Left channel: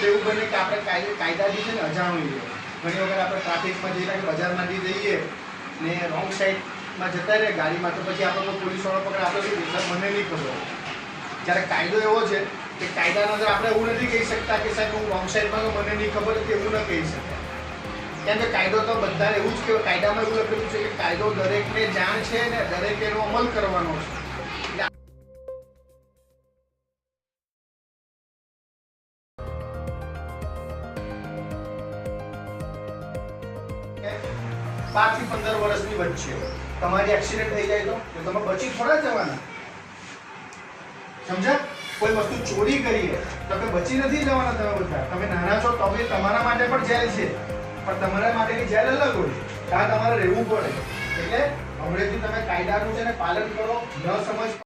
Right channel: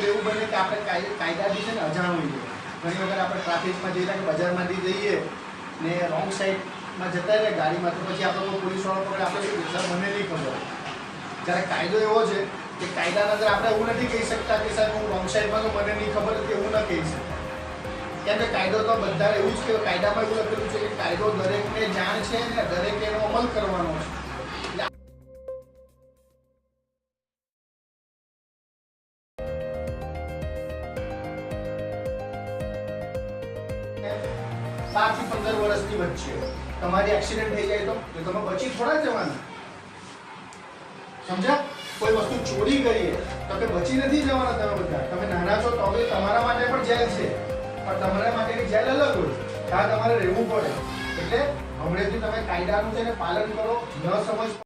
કાયદે કાયદાથી છે ને અજાણું જોઈએ ઘણી વખત આપણે ટ્રાફિકમાં જઈએ કે બજારમાંથી જઈએ ને રોંગ સાઈડમાં જતા રહે ગાડીમાં તો પછી આપણને પોલીસવાળો પકડે આપણે શું "સર, મને નહીં ખબર. જ્યારે કાયદો એવો છે કે કાયદાના અંદર આપણે એવું નથી કહી શકતા કે સાહેબ હું રોંગ સાઈડમાં તો મને નહીં ખબર કે એવું ન કહી શકતા કેમ કે કાયદો તો બધા એવું જ કે કાયદામાં એવું લખેલું છે કે કાયદો દરેકને જાણ છે ને દરેકે એનો અમલ કરવાનો છે. પાંચથી પંદર વર્ષની વચ્ચે. તમારી એક્સિડન્ટ થઈ જાય તો? તમે બચી થોડા જવાના સમજ્યા? કોઈ વસ્તુ ચોરી કરીએ તો તમે બચી નથી જવાના તમે બધા. તમે નાના છો તો બી તમારા માટે પણ જેલ છે. પણ તમારા માટેની જેલ અલગ હોય. ત્યાં તમારે રહેવું પડે. એટલે હમણાંથી તમે કાયદાનું છે ને પાલન કરો, ન સમજ